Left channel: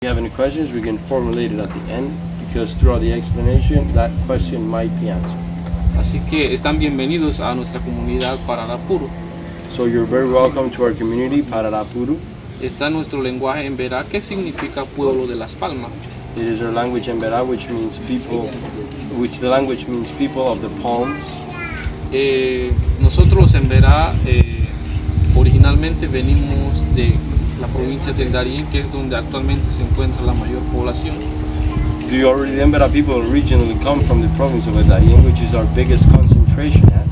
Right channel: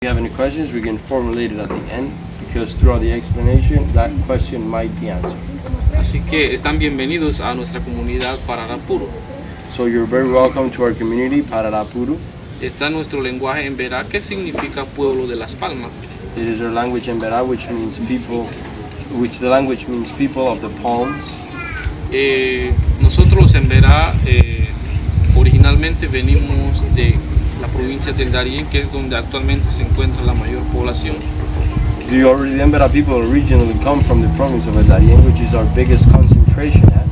If you have any questions, we can formulate it at the end, because throughout the explanation, that question might be answered. Así que están bienvenidos a nuestra comunidad Pararapuru. So you're very welcome to our community, Pararapuru. Está nuestro lenguaje Embera, que significa pueblo de las palmas. It is our language Embera, which means people, the language means people of the palms. Nosotros los Embera originalmente venimos de la provincia del Darién, que es donde actualmente se encuentra la mayor población. The Embera people originally come from the province of Darien, which is our biggest concentration at.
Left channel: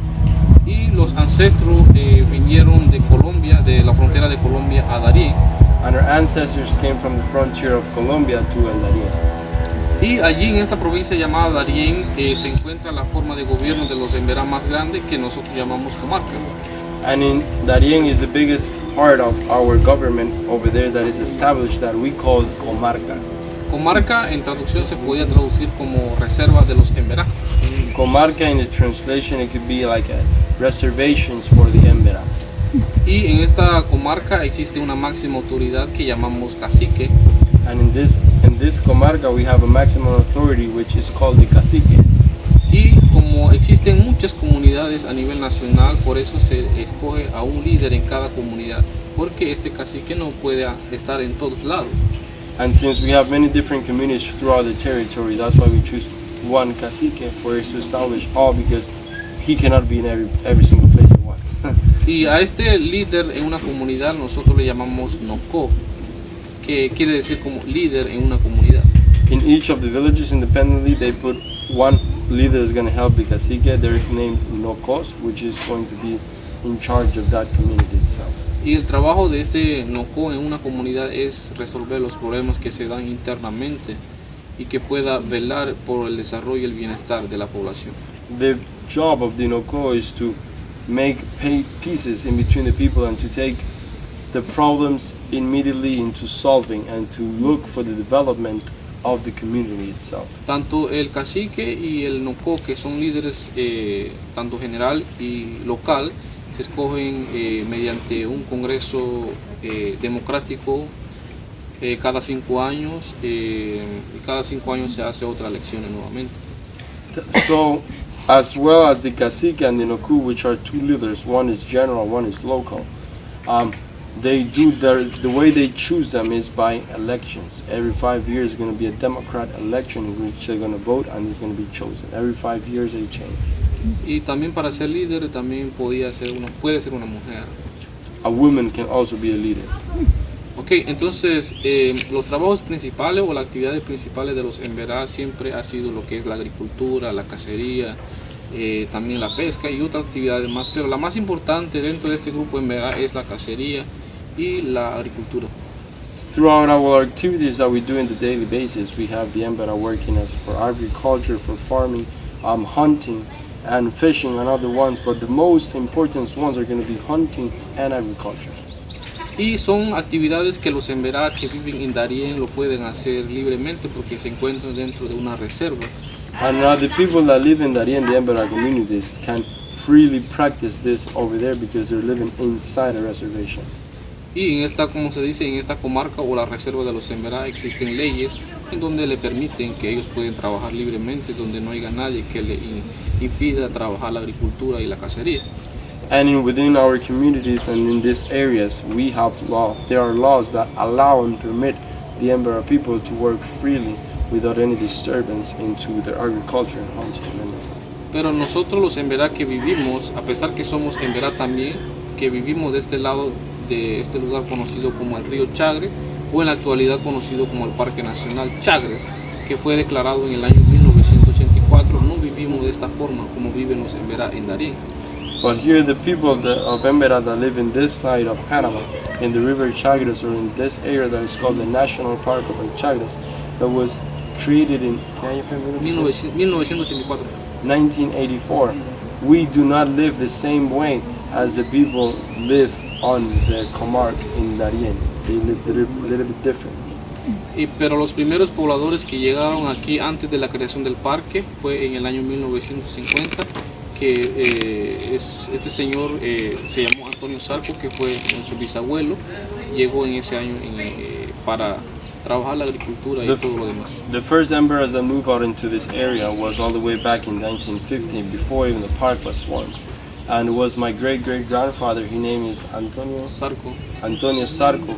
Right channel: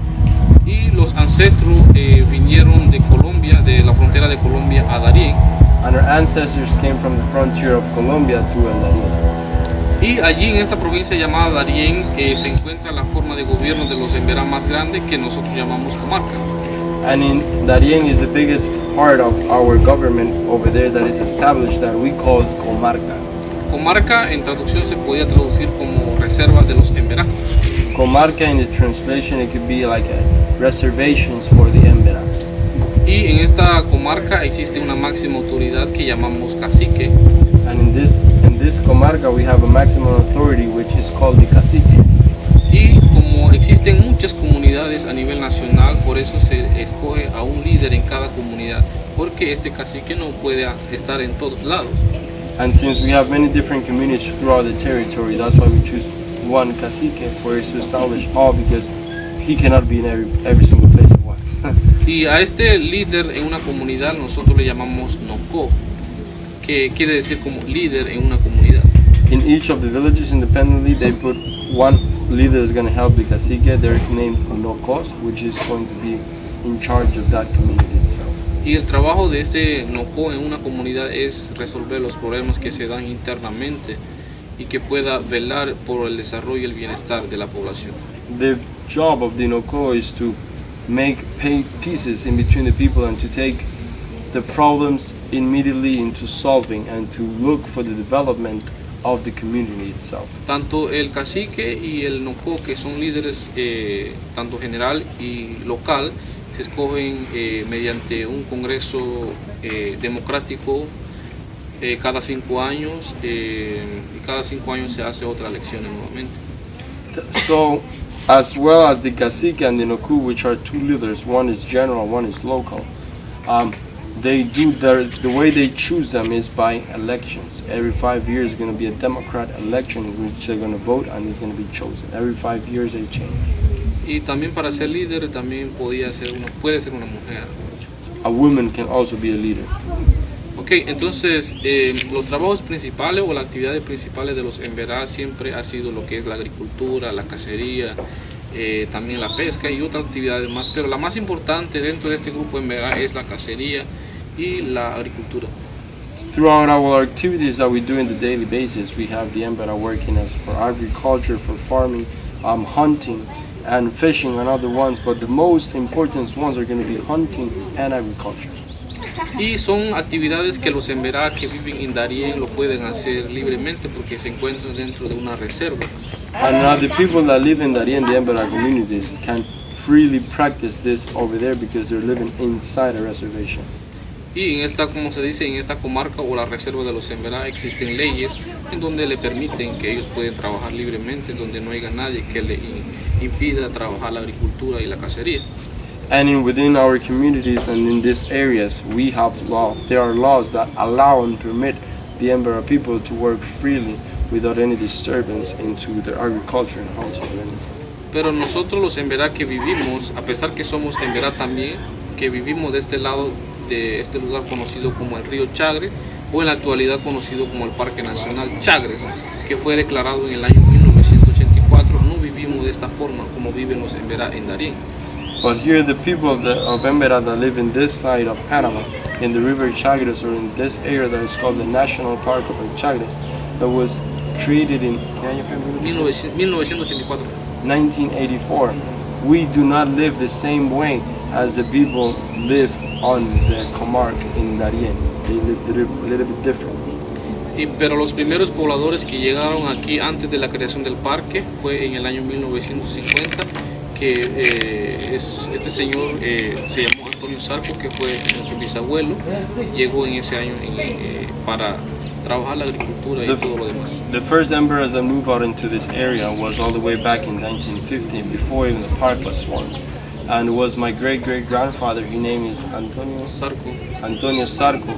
Y los ancestros vinieron de Colombia, de la frontera de Colombia a Darién. And our ancestors came from the frontier of Colombia to El Darién. Y allí en esta provincia llamada Darién se encuentra la forma de gobierno de los Embera más grande, que nosotros llamamos comarca. And in Darien is the biggest part of our government over there that is established, that we call comarca. Comarca en traducción se podía traducir como reserva de los Embera. Comarca in its translation, it could be like reservations for the Embera. Y en esta comarca existe una máxima autoridad que llamamos cacique. And in this comarca we have a maximum authority which is called the cacique. Y como existen muchas comunidades a nivel nacional, por eso se escoge a un líder en cada comunidad, porque este cacique no puede estar en todos lados. And since we have many different communities throughout the territory, that's why we choose one cacique for us to establish all, because he cannot be in every single place at once. Y a este líder en una comunidad nosotros le llamamos noko, que quiere decir como líder en una comunidad. In each of the villages independently, they put one leader is going to help the cacique. They're named nokos, which is going to be in charge of that community itself. Y el trabajo de este noko en una comunidad es resolver los problemas que se dan internamente y que pueda velar por el desarrollo y el bienestar de la población. The job of the noko is to make pieces in between the people and to take the problems immediately into solving and to look for the development of the community itself. Tanto el cacique y el noko, que son líderes tanto general y local, se escogen mediante un congreso democrático cada 5 años, y cada 5 años se hace otra elección nuevamente. So, as well as the cacique and the noku, which are two leaders, one is general, one is local, they do the way they choose them is by elections. Every 5 years is going to be a democrat election in which they're going to vote and it's going to be chosen. Every 5 years they change. Y también para ser líder también puede ser una mujer. A woman can also be a leader. Ok, entonces los trabajos principales o las actividades principales de los Embera siempre ha sido lo que es la agricultura, la cacería, también la pesca y otras actividades más, pero la más importante dentro de este grupo Embera es la cacería y la agricultura. Throughout our activities that we do in the daily basis, we have the Embera working as for agriculture, for farming, hunting, and fishing and other ones, but the most important ones are going to be hunting and agriculture. Y son actividades que los Embera que viven en Darién lo pueden hacer libremente porque se encuentran dentro de una reserva. And the people that live in Darien, the Embera communities, can freely practice this over there because they're living inside a reservation. Y en esta, como se dice, en esta comarca o la reserva de los Embera existen leyes en donde le permiten que ellos pueden trabajar libremente, donde no haya nadie que le impida trabajar la agricultura y la cacería. And within our communities and in these areas, we have there are laws that allow and permit the Embera people to work freely without any disturbance into their agriculture and hunting. Pero nosotros los Embera que vivimos, a pesar que somos Embera también, que vivimos de este lado de este lugar conocido como el río Chagre, o en la actualidad conocido como el Parque Nacional Chagres, que fue declarado en el año 1984, no vivimos de esta forma como viven los Embera en Darién. But here the people of Embera that live in this side of Panama, in the river Chagres, or in this area that is called the National Park of El Chagres, that was created in 1984. We do not live the same way as the people live on the comarca in Darien. They live a little bit different. Pero los primeros pobladores que llegaron aquí antes de la creación del parque fue en el año 1950, que este señor se llamó Antonio Sarco, que fue nuestro bisabuelo, llegó en ese año para trabajar la agricultura y todo lo demás. The first Emberas that moved out into this area was all the way back in 1950, before even the park was formed. And it was my great-great-grandfather, his name is Antonio Sarco,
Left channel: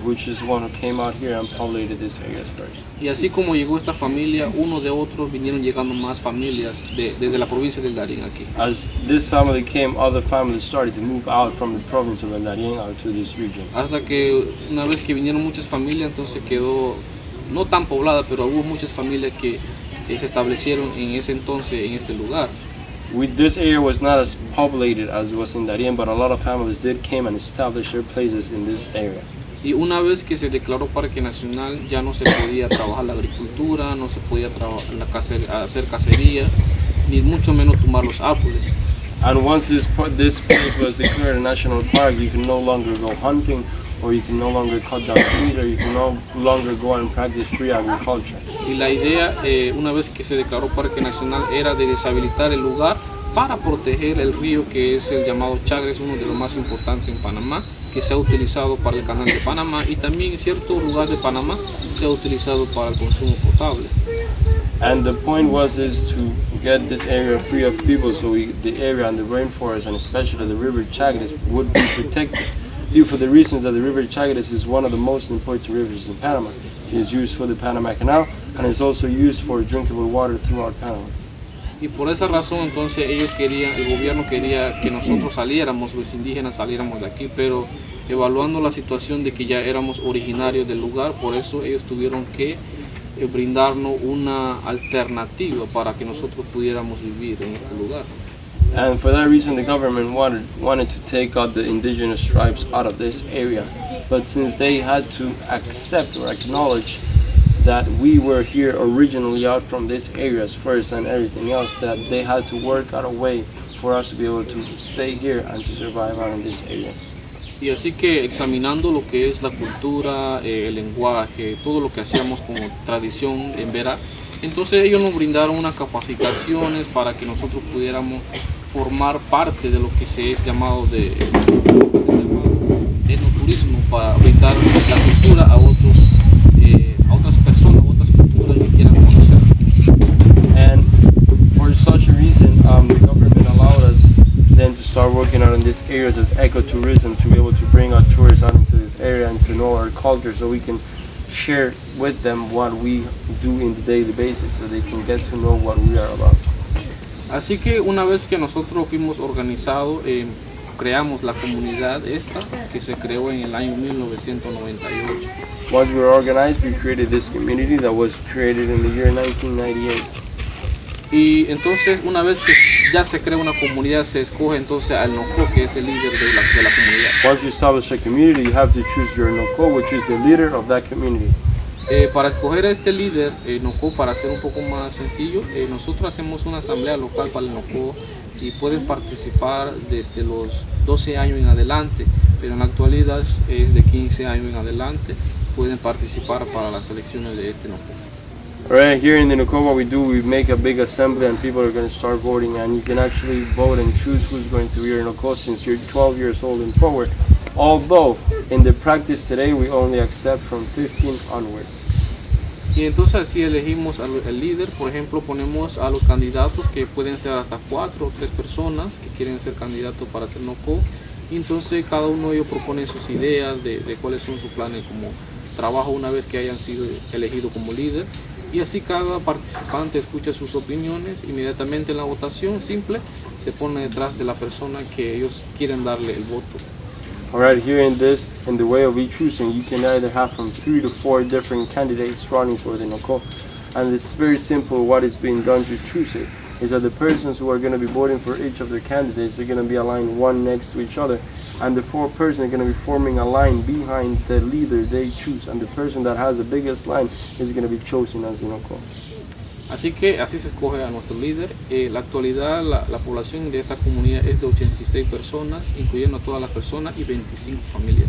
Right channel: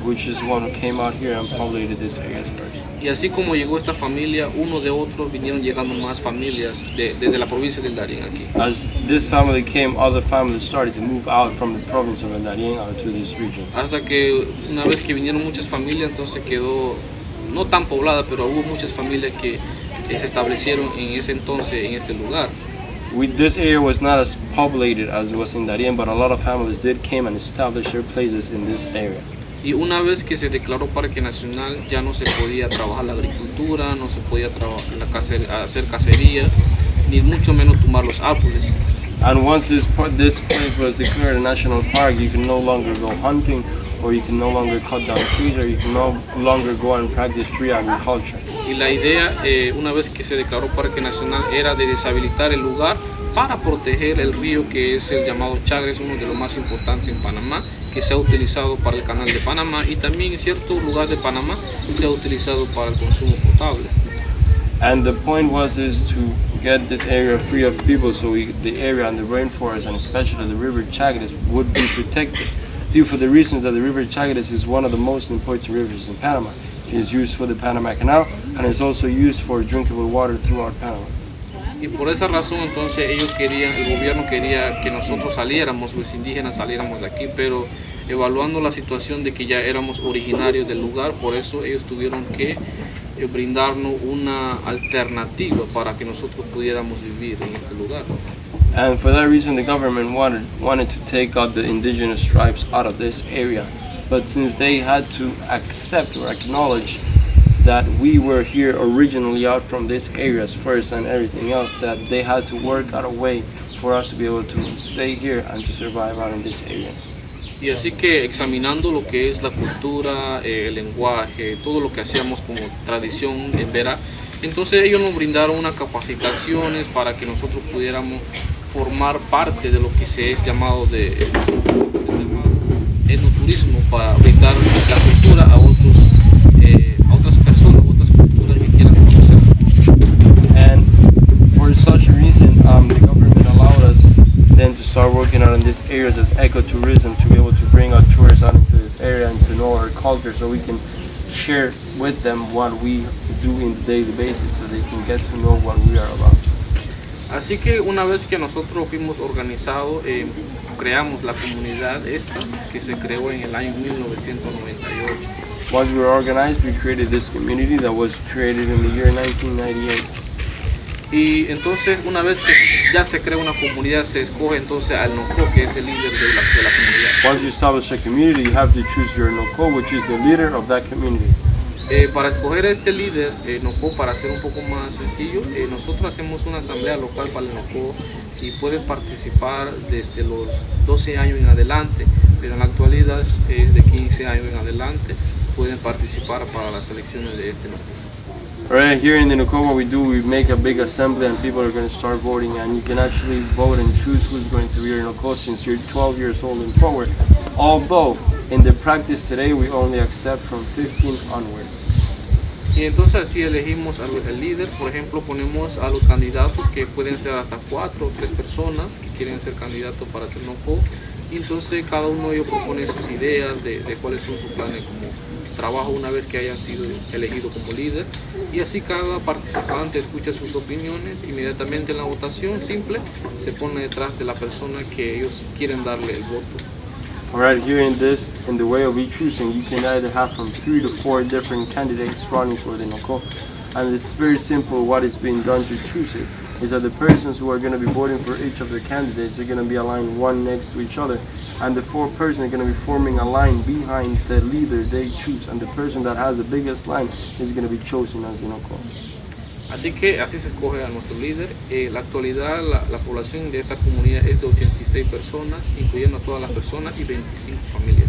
which is one who came out here and populated this area first. Y así como llegó esta familia, uno de otro vinieron llegando más familias desde la provincia del Darién aquí. As this family came, other families started to move out from the province of El Darién out to this region. Hasta que una vez que vinieron muchas familias, entonces quedó no tan poblada, pero hubo muchas familias que se establecieron en ese entonces en este lugar. This area was not as populated as it was in Darien, but a lot of families did came and established their places in this area. Y una vez que se declaró parque nacional, ya no se podía trabajar la agricultura, no se podía hacer cacerías, ni mucho menos tumbar los árboles. And once this place was declared a national park, you can no longer go hunting, or you can no longer cut down trees, or you can no longer go and practice free agriculture. Y la idea, una vez que se declaró parque nacional, era de deshabilitar el lugar para proteger el río que es el llamado Chagres, uno de los más importantes en Panamá, que se ha utilizado para el canal de Panamá y también en ciertos lugares de Panamá se ha utilizado para el consumo potable. And the point is to get this area free of people, so the area and the rainforest, and especially the river Chagres, would be protected. Due for the reasons that the river Chagres is one of the most important rivers in Panama. It is used for the Panama Canal and is also used for drinkable water throughout Panama. Y por esa razón entonces el gobierno quería que nosotros saliéramos, los indígenas saliéramos de aquí, pero evaluando la situación de que ya éramos originarios del lugar, por eso ellos tuvieron que brindarnos una alternativa para que nosotros pudiéramos vivir en este lugar. And for that reason, the government wanted to take out the indigenous tribes out of this area. But since they had to accept or acknowledge that we were here originally out from these areas first and everything else, that they had to work out a way for us to be able to stay here and to survive out in this area. Y así que examinando lo que es la cultura, el lenguaje, todo lo que hacíamos como tradición Embera, entonces ellos nos brindaron unas capacitaciones para que nosotros pudiéramos formar parte de lo que se es llamado de etnoturismo, para brindar la cultura a otras personas, a otras culturas que quieran conocer. And for such a reason, the government allowed us then to start working out in these areas as ecotourism, to be able to bring our tourists out into this area and to know our culture, so we can share with them what we do in the daily basis, so they can get to know what we are about. Así que una vez que nosotros fuimos organizados, creamos la comunidad esta, que se creó en el año 1998. Once we were organized, we created this community that was created in the year 1998. Y entonces, una vez que ya se crea una comunidad, se escoge entonces al Nocó, que es el líder de la comunidad. Once you establish a community, you have to choose your Nocó, which is the leader of that community. Para escoger a este líder, Nocó, para hacer un poco más sencillo, nosotros hacemos una asamblea local para el Nocó y pueden participar desde los 12 años en adelante, pero en la actualidad es de 15 años en adelante, pueden participar para las elecciones de este Nocó. Right here in the Nocó, what we do, we make a big assembly and people are going to start voting, and you can actually vote and choose who's going to be your Nocó since you're 12 years old and forward. Although, in the practice today, we only accept from 15 onward. Y entonces así elegimos al líder. Por ejemplo, ponemos a los candidatos, que pueden ser hasta 4 o 3 personas que quieren ser candidatos para ser Nocó. Y entonces cada uno de ellos propone sus ideas de cuáles son sus planes como trabajo una vez que hayan sido elegidos como líder. Y así cada participante escucha sus opiniones. Inmediatamente en la votación simple se pone detrás de la persona que ellos quieren darle el voto. Alright, here in the way of choosing, you can either have from 3 to 4 different candidates running for the Nocó. And it's very simple what is being done to choose it. Is that the persons who are going to be voting for each of their candidates are going to be aligned one next to each other. And the 4 persons are going to be forming a line behind the leader they choose. And the person that has the biggest line is going to be chosen as the Nocó. Así que así se escoge a nuestro líder. En la actualidad la población de esta comunidad es de 86 personas, incluyendo a todas las personas y 25 familias.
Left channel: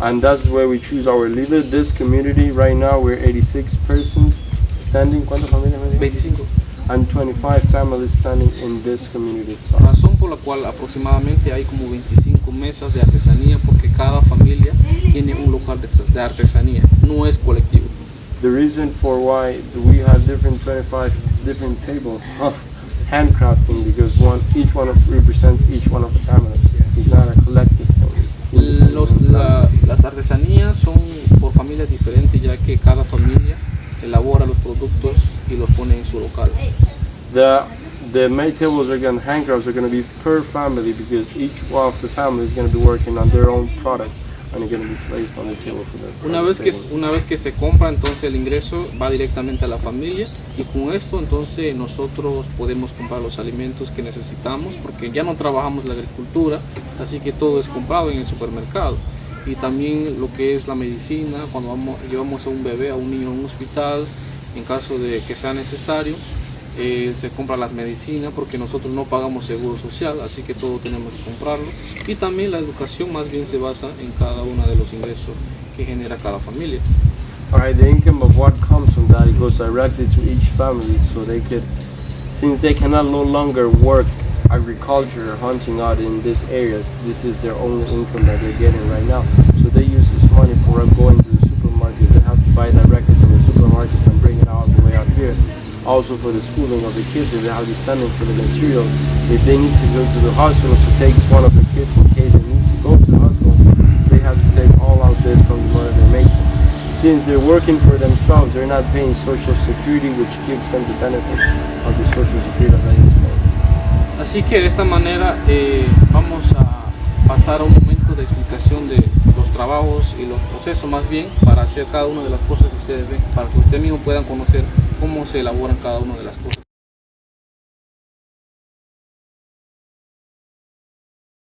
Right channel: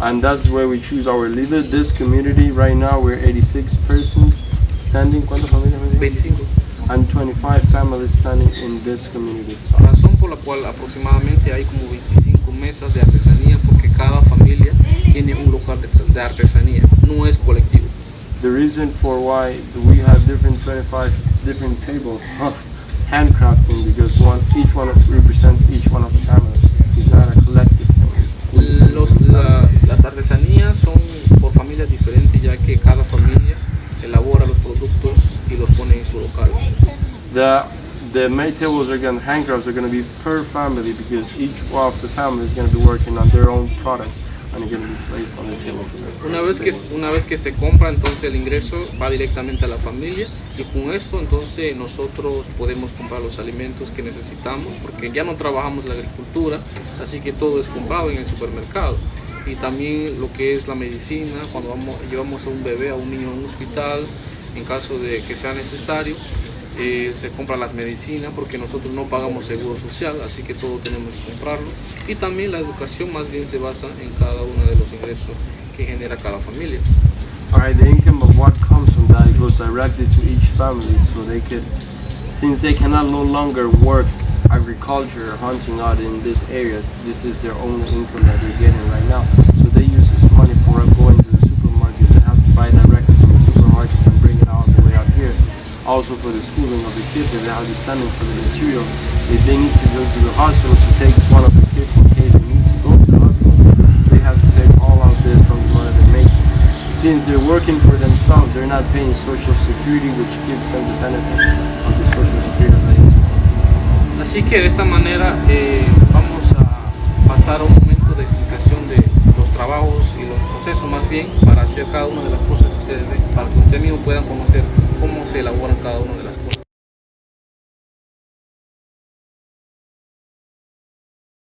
And that's where we choose our leader. This community right now we're 86 persons standing. ¿Cuántas familias me dijo? 25. And 25 families standing in this community itself. Razón por la cual aproximadamente hay como 25 mesas de artesanía, porque cada familia tiene un local de artesanía, no es colectivo. the reason for why we have different 25 different tables of handcrafting, because each one represents each one of the families. It's not a collective thing. Las artesanías son por familias diferentes, ya que cada familia elabora los productos y los pone en su local. The made tables handcrafts are going to be per family, because each one of the families is going to be working on their own products and it's going to be placed on the table for them. Una vez que se compra, entonces el ingreso va directamente a la familia, y con esto entonces nosotros podemos comprar los alimentos que necesitamos, porque ya no trabajamos la agricultura, así que todo es comprado en el supermercado. Y también lo que es la medicina, cuando llevamos a un bebé, a un niño a un hospital, en caso de que sea necesario, se compra las medicinas, porque nosotros no pagamos seguro social, así que todo tenemos que comprarlo. Y también la educación más bien se basa en cada uno de los ingresos que genera cada familia. Alright, the income of what comes from that, it goes directly to each family, so they could, since they cannot no longer work agriculture or hunting out in these areas, this is their only income that they're getting right now. So they use this money for going to the supermarket. They have to buy directly from the supermarkets and bring it all the way out here. Also for the schooling of the kids, if they have to send them for the material. If they need to go to the hospital to take one of the kids in case they need to go to the hospital, they have to take all of this from the money they make. Since they're working for themselves, they're not paying Social Security, which gives them the benefits of the Social Security that they pay. Así que de esta manera vamos a pasar a un momento de explicación de los trabajos y los procesos, más bien, para hacer cada una de las cosas que ustedes ven, para que ustedes mismos puedan conocer cómo se elaboran cada una de las cosas.